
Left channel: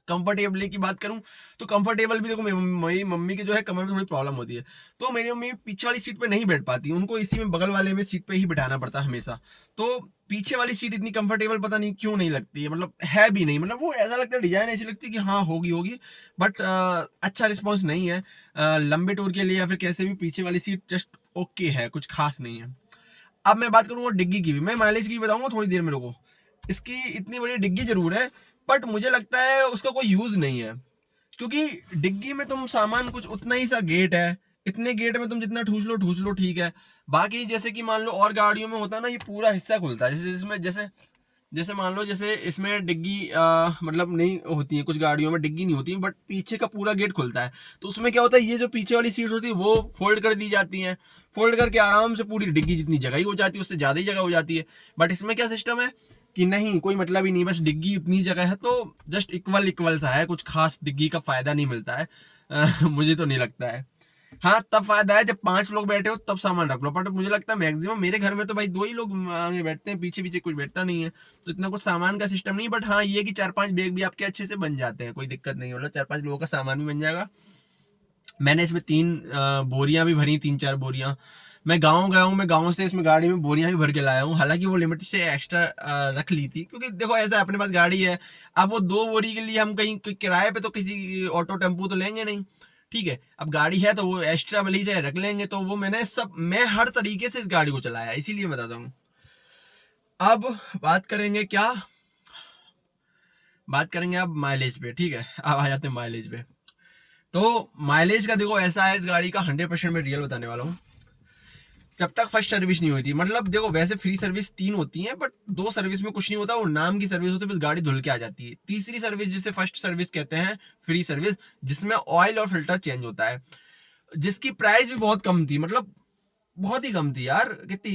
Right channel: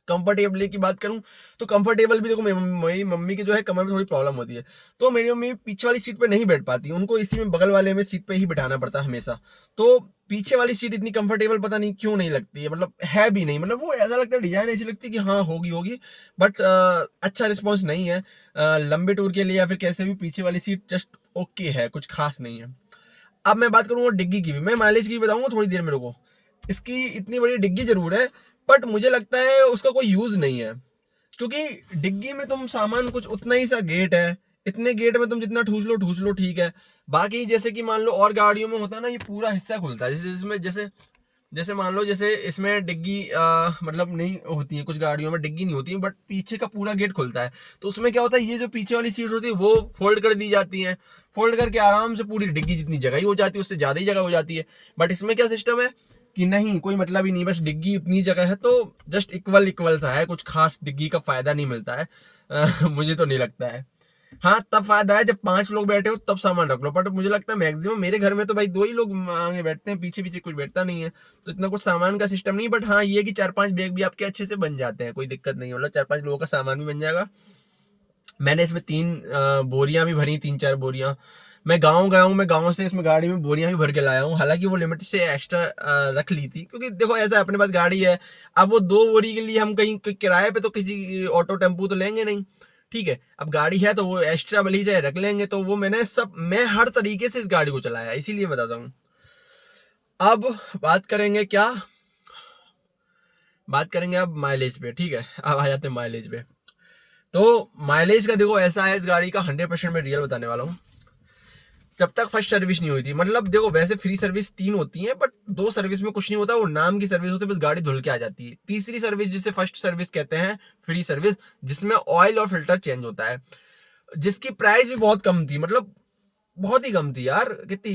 कंफर्टेबल की बात करूं तो कंफर्टेबल भी देखो, मेरी मम्मी की जो है कमर में थोड़ी प्रॉब्लम होती है, तो मेरी मम्मी पीछे वाली सीट पे नहीं बैठ पाती, उनको इसी में बगल वाले में सीट पे ही बिठाना पड़ता है हमेशा। तो पीछे वाली सीट इतनी कंफर्टेबल पता नहीं क्यों नहीं लगती है, मतलब है भी नहीं, मतलब वो ऐसा लगता है डिजाइन ऐसी लगती है कि हाँ होगी होगी, बट अच्छा रिस्पॉन्स नहीं है लंबे टूर के लिए या फिर कैसे भी। पीछे वाली सीट जस्ट ओके है, कुछ खास नहीं है। अब मैं बात करूंगा डिग्गी की भी, मैं माइलेज की भी बताऊंगा थोड़ी देर मेरे को। इसकी इतनी बड़ी डिग्गी जरूर है, बट मुझे लगता है उसका कोई यूज नहीं है, क्योंकि डिग्गी में तुम सामान कुछ उतना ही सा गेट है, इतने गेट में तुम जितना ठूस लो ठीक है। बाकी जैसे कि मान लो और गाड़ियों में होता है ना, ये पूरा हिस्सा खुलता है, जैसे इसमें जैसे जैसे मान लो जैसे इसमें डिग्गी मतलब नहीं होती है, कुछ गाड़ियों में डिग्गी नहीं होती है, बट पीछे का पूरा गेट खुलता है। तो उसमें क्या होता है, ये जो पीछे वाली सीट होती है वो फोल्ड कर दी जाती है, फोल्ड करके आराम से पूरी डिग्गी जितनी जगह ही हो जाती है, उससे ज्यादा ही जगह हो जाती है। बट इसमें क्या सिस्टम है कि नहीं, कोई मतलब ही नहीं, बस डिग्गी उतनी जगह है, तो जस्ट इक्वल इक्वल सा है, कुछ खास डिग्गी का फायदा नहीं मिलता है मुझे तो नहीं लगता है। हाँ तब फायदा है जब 5 लोग बैठे हो तब सामान रख लो, बट मुझे लगता है मैक्सिमम मेरे घर में तो भाई 2 ही लोग आगे बैठते हैं, पीछे पीछे कोई बैठता नहीं है, तो इतना कुछ सामान का सिस्टम नहीं। बट हाँ ये कि 4-5 बैग भी आपके अच्छे से बन जाते हैं, कोई दिक्कत नहीं, मतलब 4-5 लोगों का सामान भी बन जाएगा। मैंने इसमें 3 बोरियां भी भरी, 3-4 बोरियां। मैं गाँव गया हूँ, मैं गाँव से इसमें गाड़ी में बोरियां भी भर के लाया हूँ, हालांकि वो लिमिट से एक्स्ट्रा रख ली थी, क्योंकि देखो ऐसा है, अपने पास गाड़ी है, अब वो 2 बोरी के लिए हम कहीं किराए पे तो किसी ऑटो टेम्पो तो लेंगे नहीं, ठीक है। अब गाड़ी है तो वो एक्स्ट्रा भले से रख लेंगे, तो वो मैं हर तरीके से इस गाड़ी को चलाया, इसीलिए बताता हूँ। अब बात करेंगे क्या, बात करेंगे अब माइलेज पे, ठीक है। अब आ जाते हैं माइलेज पे। तो माइलेज का देखो ऐसा है, इस गाड़ी का 100% मैं रियल बताने वाला हूँ। जब तक फर्स्ट सर्विस नहीं हुई थी, मतलब देखो वैसे फ्री सर्विस 3 होती है, बट 2 सर्विस में कुछ नहीं होता, वो नाम की सर्विस होती है, बस गाड़ी धुल के आ जाती है। तीसरी सर्विस जिसे फर्स्ट सर्विस कहते हैं, फ्री सर्विस, जिसमें ऑयल और फिल्टर चेंज होता है, जिसकी प्राइस भी बहुत कम थी, मतलब बहुत ही कम थी यार, कितनी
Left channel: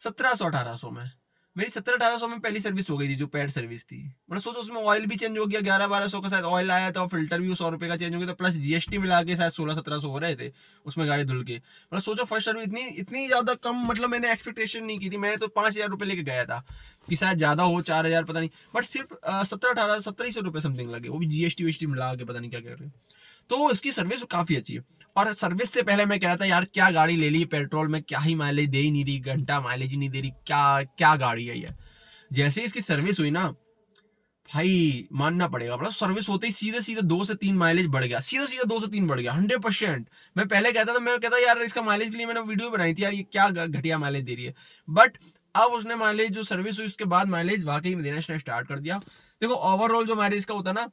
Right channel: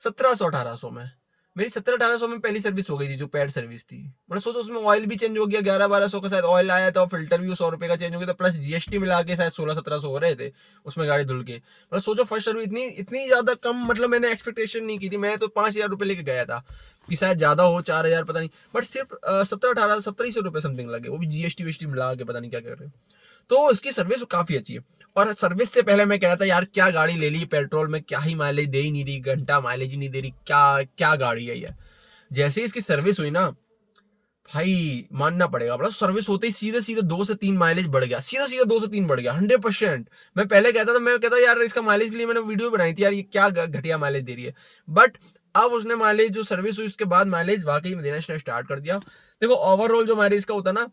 1700-1800 में मेरी 1700-1800 में पहली सर्विस हो गई थी, जो पेड सर्विस थी। मतलब सोचो उसमें ऑयल भी चेंज हो गया, 1100-1200 का शायद ऑयल आया था, और फिल्टर भी 100 रुपए का चेंज हो गया था, प्लस जीएसटी मिला के शायद 1600-1700 हो रहे थे उसमें गाड़ी धुल के। मतलब सोचो फर्स्ट सर्विस इतनी इतनी ज्यादा कम, मतलब मैंने एक्सपेक्टेशन नहीं की थी, मैं तो 5000 रुपये लेके गया था कि शायद ज्यादा हो, 4000 पता नहीं, बट सिर्फ 1700-1800 रुपये समथिंग लगे, वो भी जीएसटी वीएसटी मिला के, पता नहीं क्या कर रहे। तो इसकी सर्विस काफी अच्छी है। और सर्विस से पहले मैं कह रहा था यार क्या गाड़ी ले ली, पेट्रोल में क्या ही माइलेज दे ही नहीं रही, घंटा माइलेज ही नहीं दे रही, क्या क्या गाड़ी है ये। जैसे ही इसकी सर्विस हुई ना, भाई मानना पड़ेगा, मतलब सर्विस होते ही सीधे सीधे 2 से 3 माइलेज बढ़ गया, सीधा सीधा 2 से 3 बढ़ गया 100%। मैं पहले कहता था, मैं कहता यार इसका माइलेज के लिए मैंने वीडियो बनाई थी यार, ये क्या घटिया माइलेज दे रही है। बट अब उसने माइलेज जो सर्विस हुई उसके बाद माइलेज वाकई में देना स्टार्ट कर दिया। देखो ओवरऑल जो माइलेज का होता ना,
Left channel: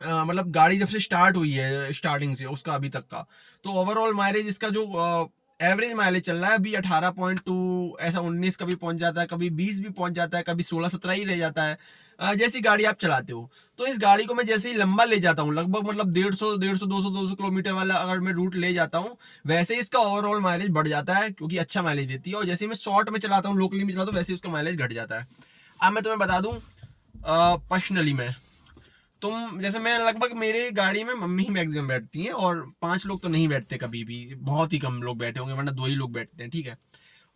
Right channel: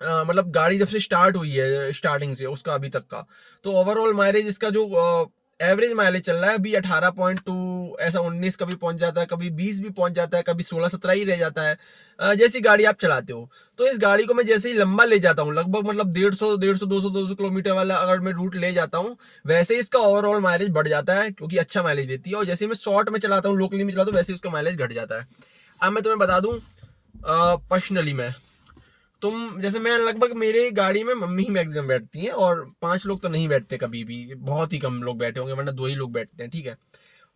मतलब गाड़ी जब से स्टार्ट हुई है स्टार्टिंग से उसका अभी तक का, तो ओवरऑल माइलेज इसका जो एवरेज माइलेज चल रहा है अभी 18.2, ऐसा 19 कभी पहुंच जाता है, कभी 20 भी पहुंच जाता है, कभी 16-17 ही रह जाता है। जैसी गाड़ी आप चलाते हो, तो इस गाड़ी को मैं जैसे ही लंबा ले जाता हूँ, लगभग मतलब 150 200 किलोमीटर वाला अगर मैं रूट ले जाता हूँ, वैसे ही इसका ओवरऑल माइलेज बढ़ जाता है, क्योंकि अच्छा माइलेज देती है। और जैसे ही मैं शॉर्ट में चलाता हूँ, लोकली में चलाता हूँ, वैसे ही उसका माइलेज घट जाता है। अब मैं तुम्हें बता दूँ पर्सनली, मैं तुम जैसे मैं लगभग मेरे गाड़ी में मम्मी ही मैक्सिमम बैठती हैं, और 5 लोग तो नहीं बैठते कभी भी, बहुत ही कम लोग बैठे होंगे, वरना 2 ही लोग बैठते हैं, ठीक है।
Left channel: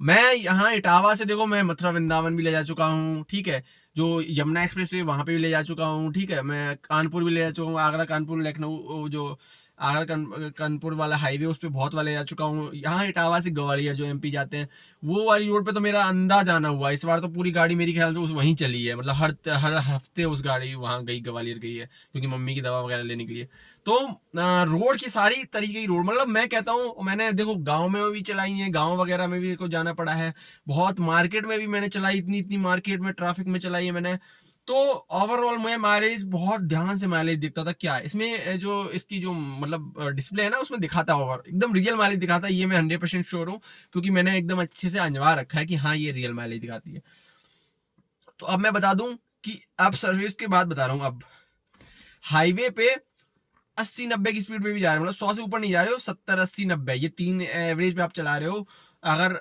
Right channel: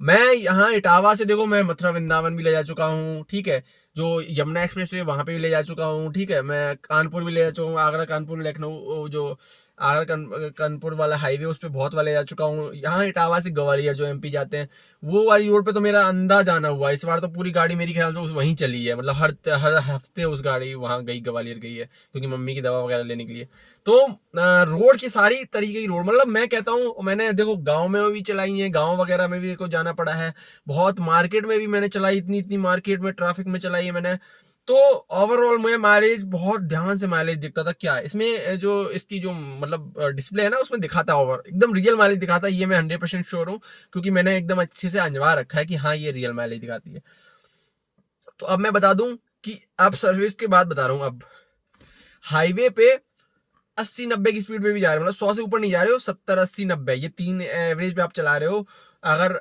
मैं यहाँ इटावा से देखो, मैं मथुरा वृंदावन भी ले जा चुका हूँ, ठीक है। जो यमुना एक्सप्रेस है वहां पे भी ले जा चुका हूँ, ठीक है। मैं कानपुर भी ले जा चुका हूँ, आगरा कानपुर लखनऊ, जो आगरा कानपुर वाला हाईवे उस पर बहुत वाले जा चुका हूँ। यहाँ इटावा से ग्वालियर जो एमपी जाते हैं, वो वाली रोड पे तो मेरा अंदाज आना हुआ। इस बार तो पूरी गाड़ी मेरी ख्याल से वहीं चली है, मतलब हर हफ्ते उस गाड़ी वहाँ गई, ग्वालियर गई है, क्योंकि मम्मी की दवा वगैरह लेने के लिए। तो रोड की सारी तरीके की रोड, मतलब मैं कहता हूँ, मैंने देखो गांव में भी चलाई है, गांव वगैरह में भी को जाना पड़ा है, बहुत मार्केट में भी मैंने चलाई, इतनी इतनी मार्केट में ट्रैफिक में चलाई है मैंने। तो ओवरऑल मैं माइलेज बहुत ध्यान से माइलेज दिखता था, क्या इसमें जो इसकी जो मतलब डिस्प्ले है ना, उसमें दिखाता ओवर एकदम रियल माइलेज दिखाता है, ये मैं 100% श्योर हूँ, क्योंकि मैंने एकदम अच्छे से अंजवा रखा है कि हाँ ये रियल माइलेज दिखाती है। तो अब मैं बता दूं कि अब सर्विस के बाद बता रहा हूँ, अब हाईवे पे 80-90 की स्पीड पे भी जा रहे हो, मतलब 100 से ऊपर नहीं जा रहे हो, 70-80-90, ये 3 एवरेज पे आप चला रहे हो। अगर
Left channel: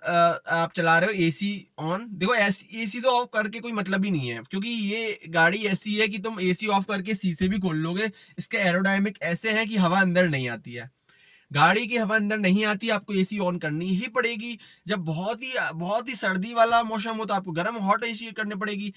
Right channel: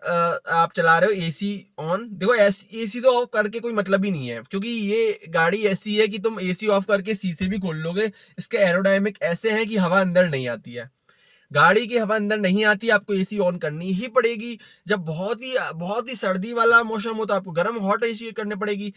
आप चला रहे हो एसी ऑन, देखो एसी तो ऑफ करके कोई मतलब ही नहीं है, क्योंकि ये गाड़ी ऐसी है कि तुम एसी ऑफ करके शीशे भी खोल लोगे, इसके एरोडायनेमिक ऐसे हैं कि हवा अंदर नहीं आती है। गाड़ी की हवा अंदर नहीं आती, आपको एसी ऑन करनी ही पड़ेगी। जब बहुत ही सर्दी वाला मौसम हो तो आपको गर्म हॉट एसी करनी पड़ेगी।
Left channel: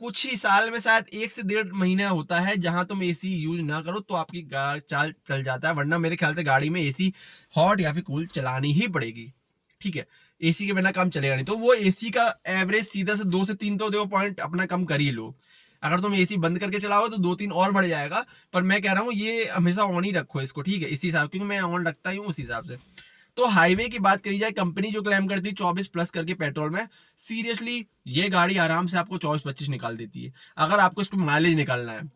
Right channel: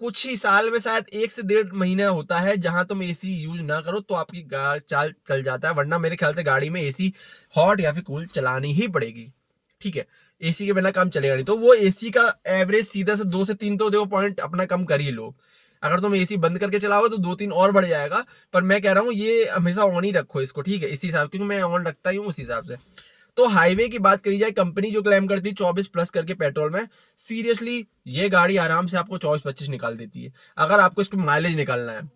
कुछ ही साल में शायद 1 से 1.5 महीना होता है जहां तुम एसी यूज ना करो, तो आपकी चाल चल जाता है, वरना मेरे ख्याल से गाड़ी में एसी हॉट या फिर कूल चलानी ही पड़ेगी, ठीक है। एसी के बिना काम चलेगा नहीं, तो वो एसी का एवरेज सीधा से 2 से 3 तो देखो पॉइंट अपना कम कर ही लो। अगर तुम एसी बंद करके चलाओगे तो 2-3 और बढ़ जाएगा, पर मैं कह रहा हूँ ये हमेशा ऑन ही रखो इसको, ठीक है, इसी हिसाब, क्योंकि मैं ऑन रखता ही हूँ उस हिसाब से। तो हाईवे की बात करी जाए, कंपनी जो क्लेम करती है 24+ करके पेट्रोल में, सीरियसली ये गाड़ी आराम से आपको 24-25 निकाल देती है। अगर आपको इसको माइलेज निकालना है,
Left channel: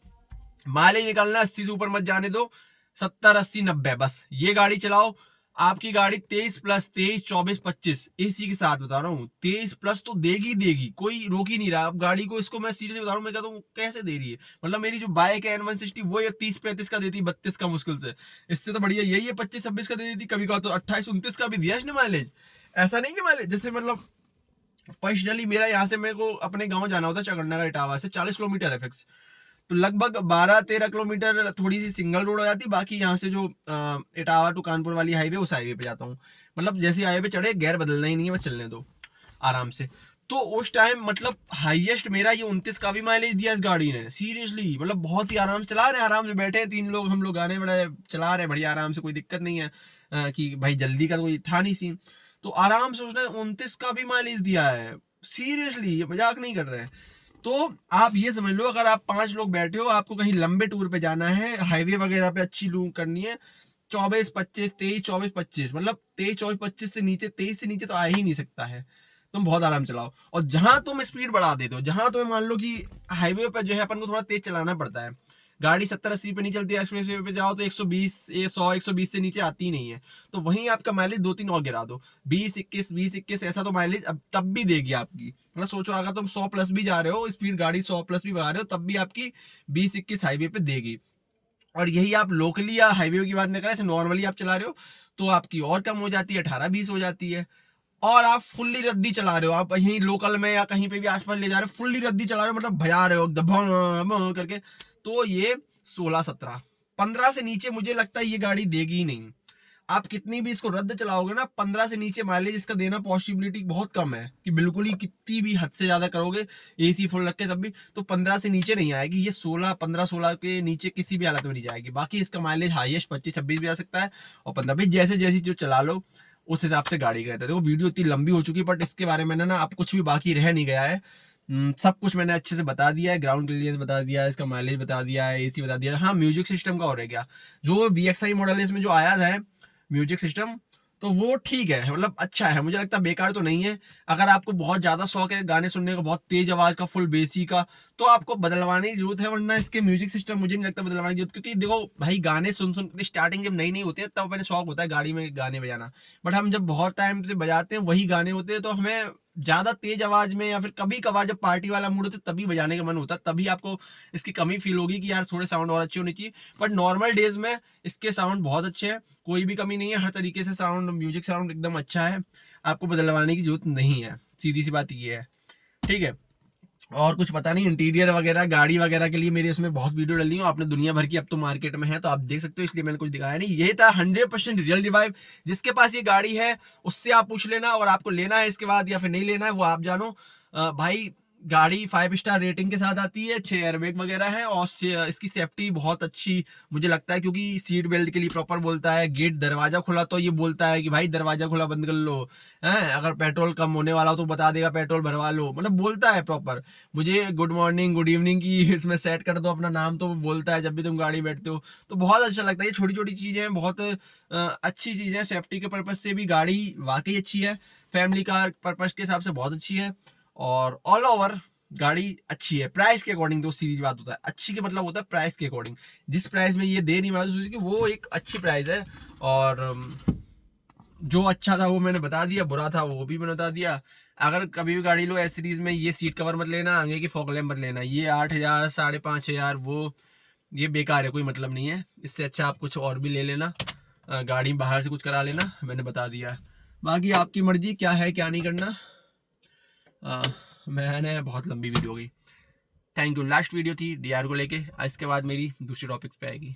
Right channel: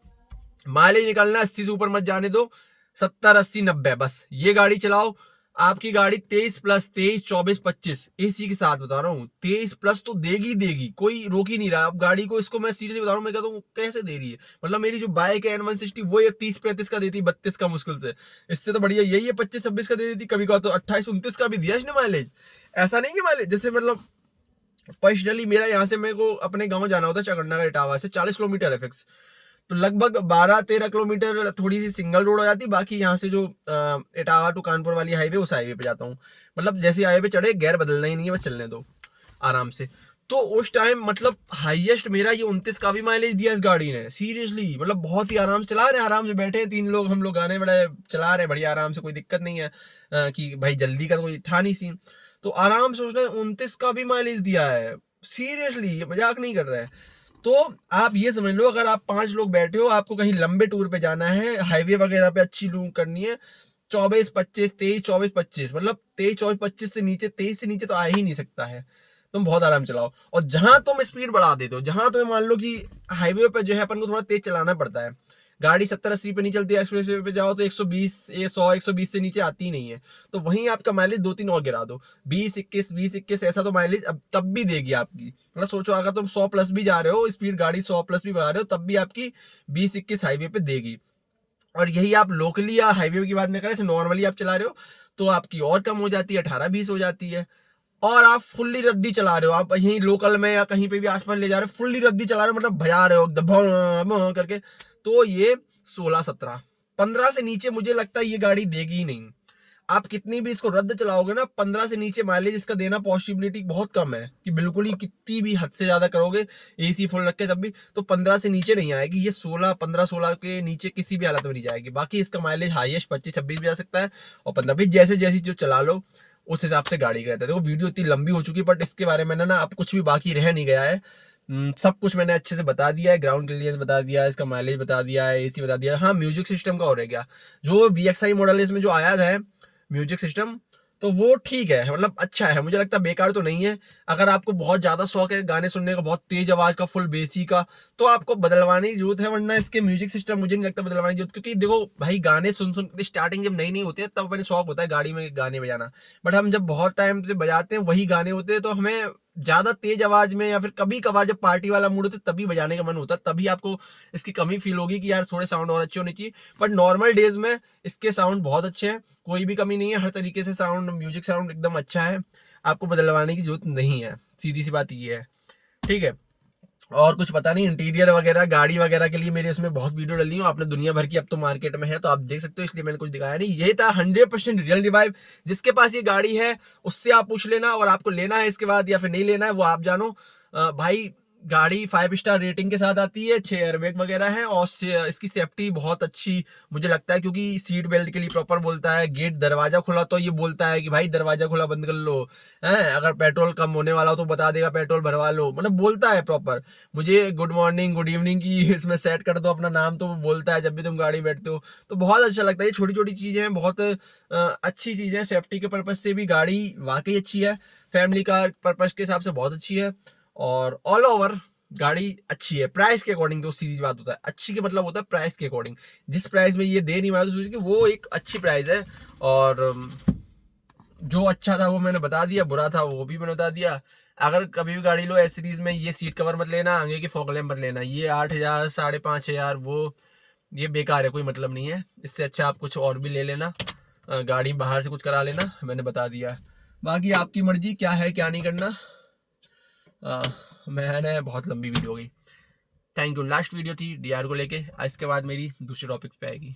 माइलेज निकालना 80 से ऊपर मत जाने दो, 70-80-90 बस ये गाड़ी चलाओ। आपकी गाड़ी 23+23 24 25 एसी के साथ बता रहा हूँ, 23+ तो देगी देगी, कोई रोक ही नहीं रहा। अब गाड़ी को इसको मैं सीरियसली बता रहा हूँ, मैं कहता हूँ कैसे दे रही है, मतलब मेरी जो बाइक है N160 वो एक 30-35 का देती, 32 का मुश्किल से, इससे तो बढ़िया यही है 25-26 का दे देती, कभी कहा तो 28-29 का भी दिया इसने माइलेज। ऐसा नहीं कि माइलेज जैसे मतलब पर्सनली मेरा यहाँ से मेरे को अपने गाँव जाना होता है, चकंडा का इटावा से 40 किलोमीटर है फिक्स, तो लगभग 12-13 किलोमीटर थोड़ी सी सिंगल रोड हो जाती, बाकी यहाँ से जो इटावा टू कानपुर वाली हाईवे, उस हाईवे पे जाता हूँ। मतलब जैसे हाईवे पे चढ़े गियर बदलना ही नहीं है, बस चलने दो आराम से। तो उस टाइम मतलब हाईएस्ट मेरा ये 29 का भी माइलेज दिया इस गाड़ी ने, सीरियसली, मतलब बहुत ही आराम से चला रहे, आराम से बैठे 3 लोग हम लोग, गाने बड़े चला रहे बढ़िया आराम से, कोई दिक्कत नहीं है कि भाई जल्दी का तो कोई था नहीं सीन। तो आराम से उसने 29 का भी माइलेज दिया है, सीरियसली, ये मजाक नहीं कर रहे हैं। तो आप ये समझ लो, अगर आप 5 लोग बैठे हो, आपको कहीं लंबे टूर पे जाना है, हाईवे वगैरह पे अच्छी लूप करनी है, 24-25 मतलब 23-24-25 से नीचे, 23 से नीचे तो आ ही नहीं सकता है। तुम बहुत आराम चलाओ, और जहां तुम स्पीड बढ़ा देते हो, जहां तुम्हें मान लो कि हाईवे पे जो है अपन को थोड़ा तेज चलाना पड़ता है, गाड़ी 70-80 पे नहीं चलती है, एक्सप्रेस वे पे जाओ तो 120 100-120 से नीचे आती ही नहीं है, तो वहीं आपका माइलेज 2-3 और गिरा दो, 20-21 ऐसा तो माइलेज अब तब भी देगी आपकी। मतलब सोचो अगर तुम 100+ भी जा रहे हो स्पीड, गाड़ी 100+ भी भगा रहे हो, तब भी आपकी 20-21 हाईवे पे देगी। और यही आप लोकली या हाईवे की बात नहीं कर रहे, नॉर्मली आप चला रहे हो तो आपकी और कम हो जाती है, 18-20 हो जाती है। और आप फुल्ली रद्दी चला रहे हो, आप यहीं लोकल में या कहीं पे भी आसपास ले जा रहे हो, फुल्ली रद्दी चला रहे हो, मतलब भजा रहे हो एकदम भं करके, तो ये 16-17 15 से नीचे मुझे लगता है ये गाड़ी देगी ही नहीं। आप कितनी भी इसको रद्द चलाओगे ना, 15 से नीचे माइलेज इसका देना पॉसिबिलिटी बहुत कम है, कि बिल्कुल ही कितनी भी हद से ज्यादा करोगे एसी फुल रख के सब भी, तो 15 से नीचे नहीं आएगी ये, 16-15-16 के नीचे किसी भी हालत में नहीं जाएगी। बाकी इसका माइलेज हाईएस्ट 25-26 भी आ सकता है, और 15 भी, जैसे जैसी जो चला लो उस हिसाब से गाड़ी का रहता है। देखो वीडियो इतनी लंबी हो चुकी है, बट इसके बारे में ना अब कुछ भी बाकी रह नहीं गया है, सब कुछ मैंने अच्छे से बता दिया है, ग्राउंड क्लियरेंस बता दिया है, इसका माइलेज बता दिया है, एसी बता दिया है। हाँ, म्यूजिक सिस्टम का हो रह गया, जो BXI मॉडल है इसमें जो आया है म्यूजिक सिस्टम, तो वो ठीक है, मतलब अच्छा है, मुझे लगता है बेकार तो नहीं है। अगर आपको बहुत ज़्यादा शौक है गाने सुनने का, बहुत तेज आवाज़ का, फुल बेसी का, तो आपको बदलवाने की जरूरत है, वरना इसके म्यूजिक सिस्टम मुझे नहीं लगता बदलवाने की जरूरत, क्योंकि देखो भाई, गाने सुन सुन स्टार्टिंग जब नई नई होती है तब अपने शौक होता है गाड़ी में गाने बजाना, बट हम जब बहुत टाइम से बजाते हैं वही गाने होते हैं, तो हमें ज्यादा तेज आवाज में या फिर कभी कभार जब पार्टी वाला मूड होता है तभी बजाने का मन होता है, तभी आपको इसकी कमी फील होगी कि यार थोड़े साउंड और अच्छे होने चाहिए। बट नॉर्मल डेज में इसके साउंड बहुत अच्छे हैं, कोई भी कमी नहीं है, हर तरीके से साउंड, म्यूजिक साउंड एकदम अच्छा है, आपको बदलवाने की जरूरत नहीं है, सीधी सी बात ये है। ठीक है, और कुछ पता नहीं, इंटीरियर वगैरह गाड़ी वगैरह के लिए मेरे इसमें बहुत वीडियो डली हूँ आपने, दुनिया भर की अब तो मार्केट में है, तो आप देख सकते हो, इसलिए मैंने कुछ दिखाया नहीं। ये था 100% रियल रिवाइव। जिसके पास ये गाड़ी है उससे आप पूछ लेना, और आपको लेना है इसके बाद या फिर नहीं लेना है वो आप जानो। भाई, गाड़ी 5 स्टार रेटिंग के साथ आती है, 6 एयरबैग वगैरह हैं, और इसकी सेफ्टी बहुत अच्छी मुझे लगता है, क्योंकि सीट बेल्ट के लिए प्रॉपर बोलता है, गेट दरवाजा खुला तो ये बोलता है कि भाई दरवाजा खुला बंद कर लो, हैं, अगर पेट्रोल कम होने वाला हो तो बता देगा पेट्रोल भरवा लो, मतलब बोलता है प्रॉपर। मुझे गुड मॉर्निंग गुड इवनिंग की इसमें सेट कर दो अपना नाम, तो वो बोलता है जब भी तुम गाड़ी बैठते हो, तो बहुत अच्छा लगता है। ये छोटी छोटी चीजें हैं, बहुत अच्छी चीजें हैं, सेफ्टी के पर्पज से भी गाड़ी वाकई अच्छी है, फैमिली कार पर्पज के हिसाब से बहुत अच्छी है, और ऑल ओवर गाड़ी अच्छी है। प्राइस के अकॉर्डिंग तो सीरीज बात होता है, अच्छी के मतलब होता है प्राइस के अकॉर्डिंग, जिस प्राइस में ये दे नहीं मारुति सुजुकी वो एक अच्छी प्राइस है। और जो अच्छा था वो मैंने बता दिया, बुरा था वो भी मैंने बता दिया। अगर कभी भी गाड़ी लो एस सीरीज में, ये सीट कवर मत लेना, आगे की फॉग लैम्प मत लेना, ये 8,000 5,500 वो ये बेकार है, कोई मतलब नहीं है। इससे अच्छा आप कुछ और भी ले लेना, गाड़ी बाहर से कुछ करा लेना, मैंने बता दिया। बाकी आपकी मर्जी क्या है क्या नहीं करना। मैंने बहुत लंबी वीडियो हो गई। Thank you. लास्ट वीडियो थी डीआर को लेके, इसके बाद मेरी दूसरी टॉपिक्स पे आएगी।